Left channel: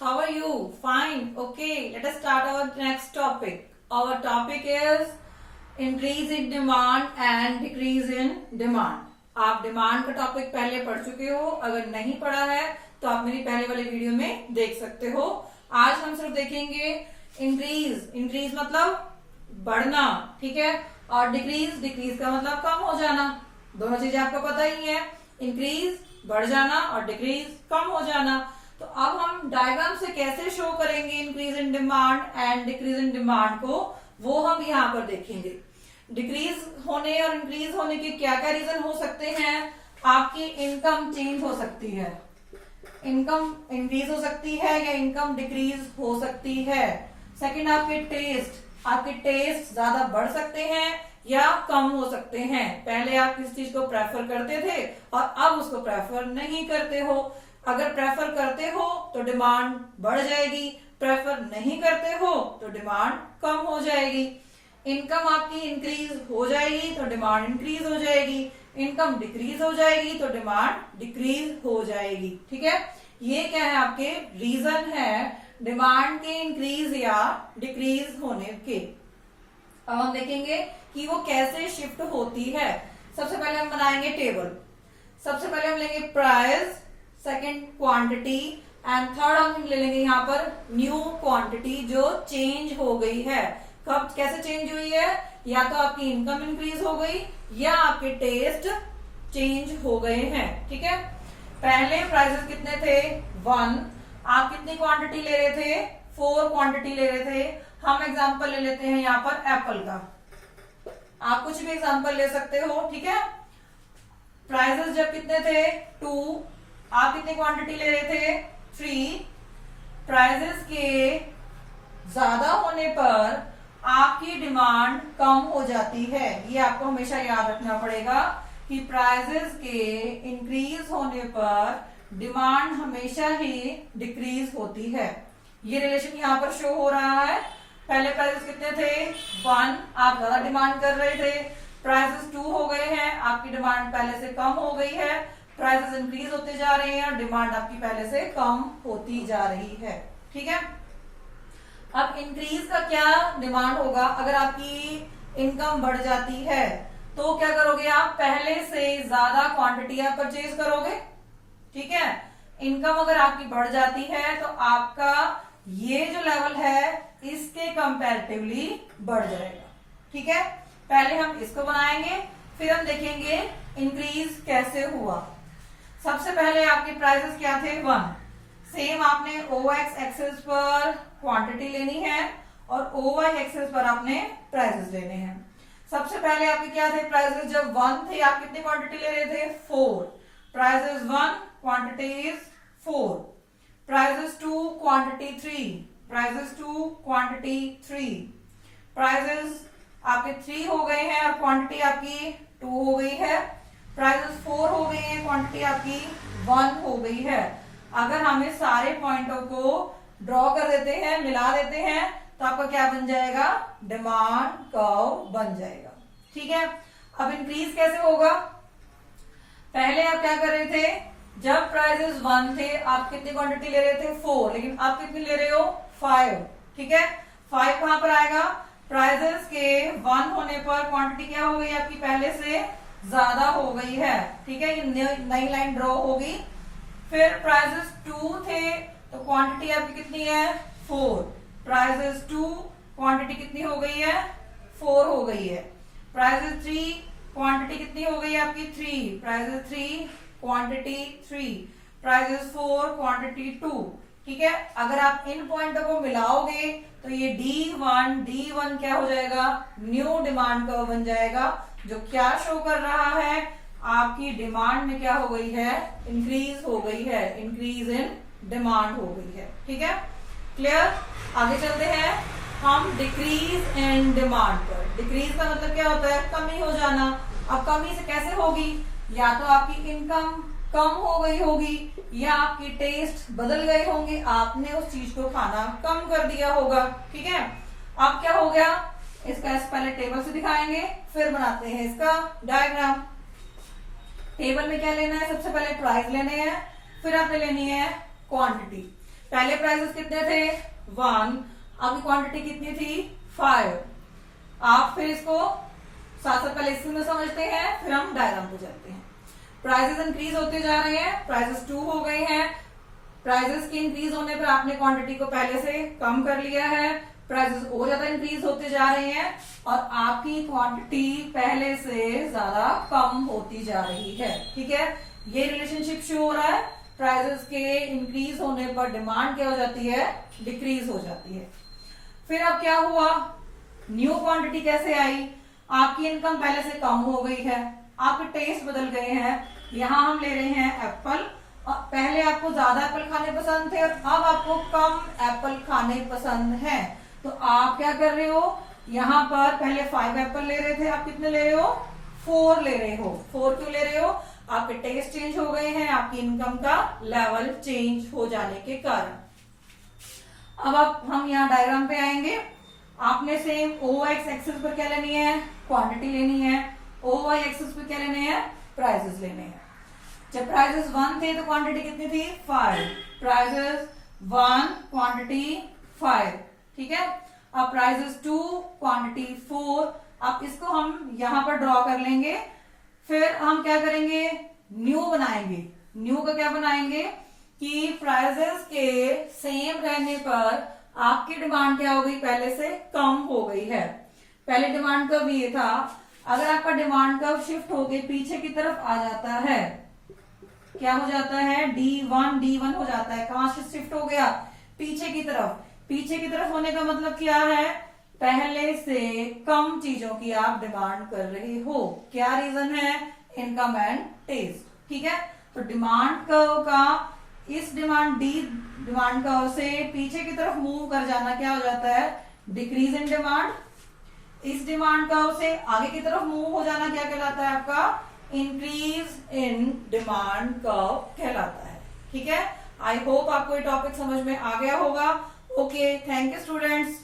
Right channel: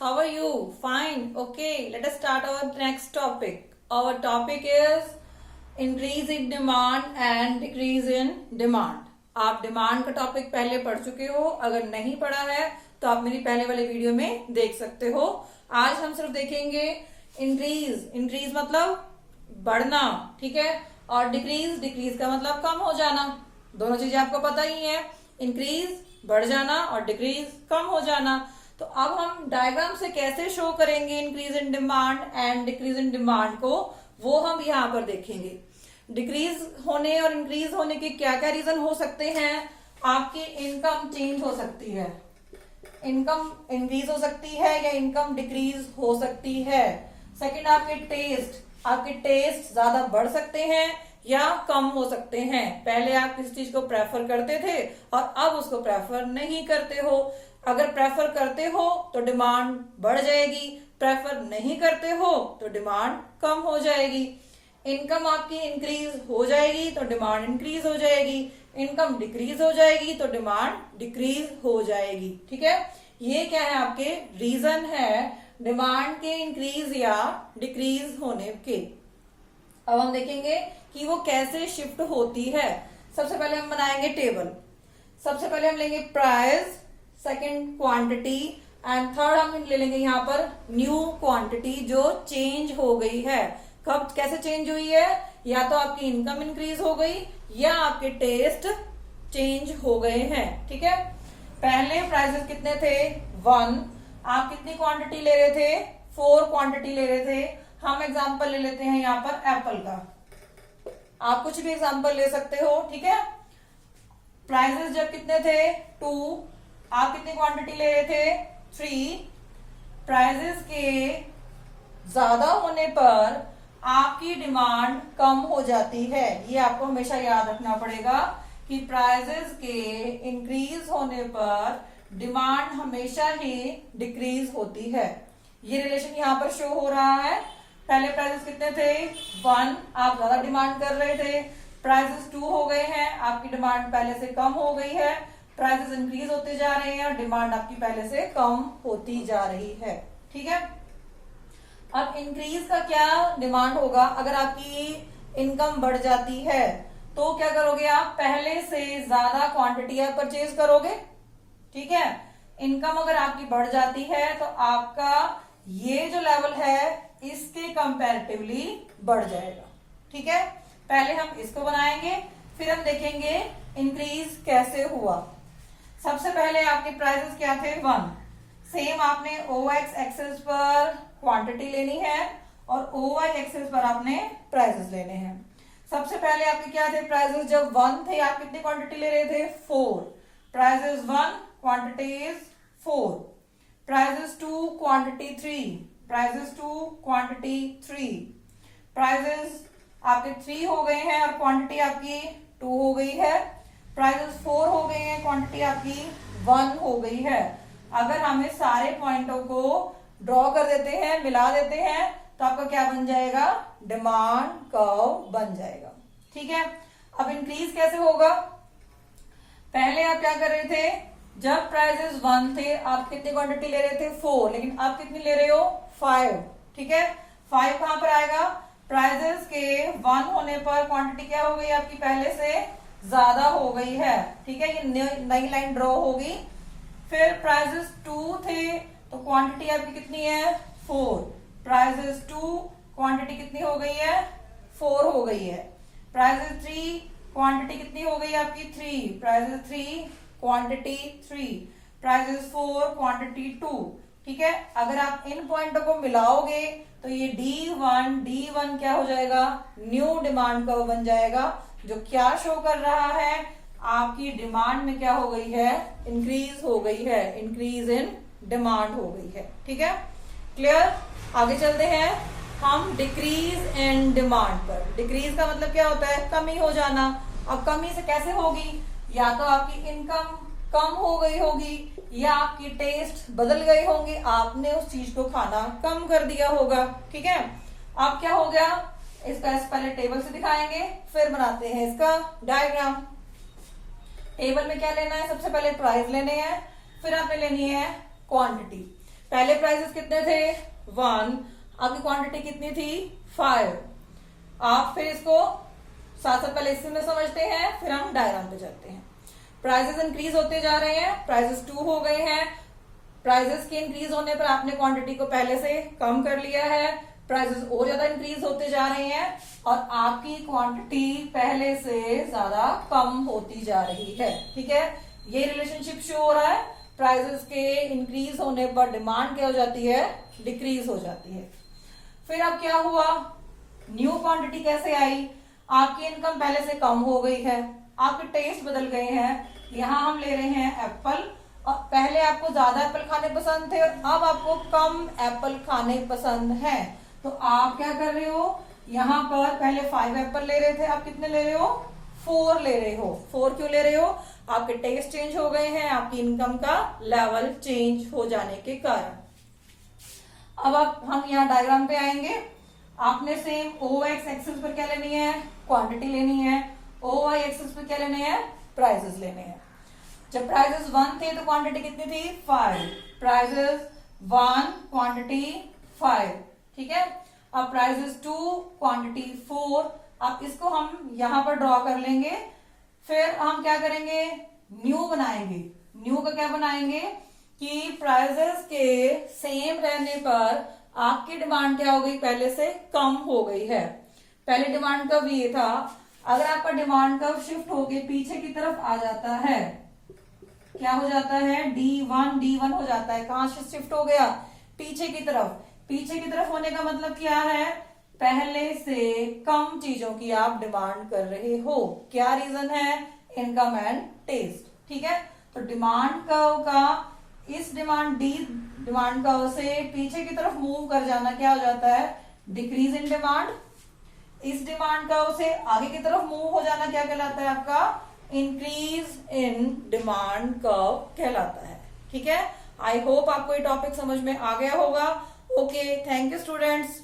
how are you? Fine. Okay, let us start our next topic. Our topic is increase in demand and decrease in demand. आप demand का topic पहले पढ़ चुके हो, अगर नहीं पढ़ा है तो आप मेरी पहले वाले वीडियो में देख सकते हो। आज हम सिर्फ देखेंगे इंक्रीज मतलब बढ़ना, ठीक है, और डिक्रीज का मतलब कम हो जाना। दोनों चीजें आपको पता ही है, इंक्रीज बढ़ जाना और डिक्रीज कम हो जाना। तो अब हम डायग्राम से कैसे शो करेंगे increase in demand and decrease in demand को, वो हम यहाँ पर देखेंगे। डिक्रीज होने और इंक्रीज होने के क्या क्या रीजन हो सकते हैं। आपकी इनकम चेंज हो सकती है, इनकम इंक्रीज हो सकती है या इनकम डिक्रीज हो सकती है। सेकंड, आपके टेस्ट ज्यादा बढ़ सकते हैं या कम हो सकते हैं। पहले आप किस चीज को प्रेफर करते थे और अब उसको प्रेफर नहीं करते हो। अगर प्रेफर करते हो तो डिमांड बढ़ जाएगी, प्रेफर नहीं करते हो तो डिमांड कम हो जाएगी। इनकम आपकी इंक्रीज हो जाएगी तो डिमांड इंक्रीज हो जाएगी, इनकम डिक्रीज हो जाएगी तो डिमांड डिक्रीज हो जाएगी। ठीक है, ये क्या है, आपके रीजन है डिमांड के इंक्रीज या डिक्रीज होने के। अब हम देखेंगे कि वो कैसे शिफ्ट होती है। सबसे पहले हम बनाएंगे टेबल। सबसे पहले हम लेंगे price, second quantity and third हम ले लेंगे यहाँ पर न्यू क्वांटिटी जो चेंज हो गई है। कब कैसे चेंज हुई है, या तो आपकी इनकम इंक्रीज हो गई या आपके टेस्ट चेंज हो गए हैं। ठीक है, पहले प्राइसेस कितने थे 1, आप कितनी क्वांटिटी ले रहे थे 4 क्वांटिटी ले रहे थे। हम एग्जांपल ले लेते हैं यहाँ पर एप्पल का, आप कुछ भी एग्जांपल ले सकते हो। ठीक है, प्राइसेस जब कितने थे 2, आप कितनी क्वांटिटी ले रहे थे 3। प्राइसेस के ज्यादा होने पर आपकी डिमांड कम हो जाती है। ये आपको हमेशा याद रखना पड़ेगा कि प्राइसेस के इंक्रीज होने पर डिमांड हमेशा ही डिक्रीज होती है। ये रिलेशन यहाँ पर शो हो रहा है। पहले प्राइसेस कितने थे 1, आप ज्यादा डिमांड कर रहे थे। प्राइसेस 2 हो गए हैं, आपकी डिमांड पहले से कम हो गई है। प्राइसेस इंक्रीज होते जा रहे हैं और डिमांड आपकी पहले से कम होती जा रही है। ठीक है, अब इंक्रीज का क्या डिमांड होगा। अगर आपकी इनकम बढ़ जाती है तो क्या करोगे, आप पहले से ज्यादा क्वांटिटी आप परचेज करोगे। ठीक है, इनकम अगर आपकी बढ़ जाती है तो आपका ये जो लेवल है इसके कंपैरेटिवली बढ़ जाएगा। ठीक है, पहले हम इसको बनाएंगे, फिर हम देखेंगे इंक्रीज कैसे हुआ। सबसे पहले आपके प्राइसेस क्या थे 1, सेम आपने OX एक्सेस पर क्वांटिटी लेनी है और OY एक्सेस पर आपने प्राइसेस लेने हैं। सबसे पहले आपके क्या थे प्राइसेस, जब 1 थे आप कितनी क्वांटिटी ले रहे थे 4। Prices 1 quantity is 4। Prices 2 quantity 3। Prices 2 quantity 3। Prices आपके 3 हो गए हैं और क्वांटिटी आपकी 2 हो गई है। प्राइसेस 4 हो गए हैं, क्वांटिटी आपकी 1 हो गई है। अगर हमें सारे पॉइंटों को ड्रॉ कर देते हैं, मिला देते हैं, तो आपका क्या बन जाएगा, डिमांड कर्व बन जाएगा। ठीक है, अब इंक्रीज कैसे होगा। पहले आप क्या कर रहे थे, जब प्राइसेस 1 थे आप कितनी क्वांटिटी ले रहे थे 4, लेकिन आप कितनी ले रहे हो 5। ठीक है, 5 कहां पर आएगा, प्राइसेस के 1 होने पर क्वांटिटी क्या हो गई आपकी पहले से ज्यादा हो गई है। ठीक है, ये नई लाइन ड्रॉ होगी। फिर प्राइसेस 2 थे तो क्वांटिटी आपकी कितनी है 4। प्राइसेस 2 क्वांटिटी कितनी हो गई है 4 हो गई है। प्राइसेस 3 क्वांटिटी कितनी हो गई आपकी 3। Prices 3 quantity 3। Prices 4 quantity 2। ठीक है, अगर आप इन पॉइंटों को मिलाओगे तो ये D1 क्या हो जाएगा, न्यू डिमांड कर्व बन जाएगा, जो क्या शो कर रहा है, आपकी डिमांड में क्या हो गई है, इंक्रीज हो गई है, इंक्रीज इन डिमांड हो गई है। ठीक है, क्लियर। आगे चलते हैं हम डिक्रीज इन डिमांड पर। डिक्रीज का मतलब क्या होता है, कमी हो जाना। अब कमी से कैसे होगी, या तो आपकी इनकम कम हो गई होगी या आपकी टेस्ट बदल गए होंगे, आपने उस चीज को खाना कम कर दिया होगा। ठीक है, अब क्या हो गया, इसका पहले टेबल से दिखाएंगे फिर बनाते हैं इसका डायग्राम। टेबल में क्या लेना है, सबसे पहले प्राइस लेने हैं, फिर आपने लेनी है क्वांटिटी। पहले प्राइसेस कितने थे 1, आपकी क्वांटिटी कितनी थी 5। आप फिर इसको साथ साथ पहले इसमें समझते हैं, फिर हम डायग्राम पे चलते हैं। प्राइसेस इंक्रीज होते जा रहे हैं, प्राइसेस 2 हो गए हैं। प्राइसेस के इंक्रीज होने पर आपने क्वांटिटी को पहले से कम कर लिया है, प्राइसेस और ज्यादा इंक्रीज होते जा रहे हैं और आपकी क्वांटिटी पहले से ज्यादा कम होती जा रही है। ठीक है, ये रिलेशनशिप शो हो रहा है। प्राइसेस के इंक्रीज होने पर डिमांड क्या हो जाती है, डिक्रीज हो जाती है। फिर अब क्या हुआ, न्यू क्वांटिटी कैसे आई, आपकी इनकम पहले से कम हो गई है, आपके टेस्ट बदल गए हैं। यहां हम ले रहे हैं एप्पल, और पहले आपको ज्यादा एप्पल खाने पसंद थे और अब आपको कम एप्पल खाने पसंद है। तो आप क्या कर रहे हो, यहाँ पर पहले 5 एप्पल ले रहे थे, आप कितने ले रहे हो 4 ले रहे हो। 4 क्यों ले रहे हो, आपके टेस्ट चेंज हो गए हैं, आपकी इनकम का लेवल चेंज हो जाने के कारण। अब आप हम यहाँ डायग्राम पे आएंगे। आपने सेम OX एक्सिस पर क्या लेनी है, क्वांटिटी लेनी है, OY एक्सिस पर क्या लेने हैं, प्राइसेस लेने हैं। जब प्राइसेस 1 थे तो क्वांटिटी कितनी थी 5, प्राइसेस 1 क्वांटिटी 5। ठीक है, अब प्राइसेस 2 क्वांटिटी 4। अब इसको हम यहां पर ड्रॉ कर लेंगे, फिर हम क्या करेंगे, न्यू बनाएंगे। न्यू का क्या बनाएंगे कि प्राइसेस के सेम रहने पर आपकी डिमांड क्या हो गई, पहले से कम हो गई है। पहले डिमांड कर्व ये था, अगर आपका डिमांड कर्व शिफ्ट होके पीछे की तरफ आ जाता है, क्या हो जाता है D1 हो जाता है। कहां से शिफ्ट हो गया, पीछे की तरफ। पीछे की तरफ होने का मतलब क्या है, पहले से कम चीजों की आप डिमांड कर रहे हो। क्या रीजन है, इनकम एंड टेस्ट। ठीक है, तो डिमांड कर्व का इस डिमांड कर्व से पीछे की तरफ मूव कर जाना क्या हो जाता है, डिक्रीज इन डिमांड। इस डिमांड कर्व से आगे की तरफ मूव हो जाना क्या कहलाता है, आपका इंक्रीज इन डिमांड कर्व कहलाता है। ठीक है, आई होप आपको ये टॉपिक समझ में आ गया होगा। Okay, thank you students.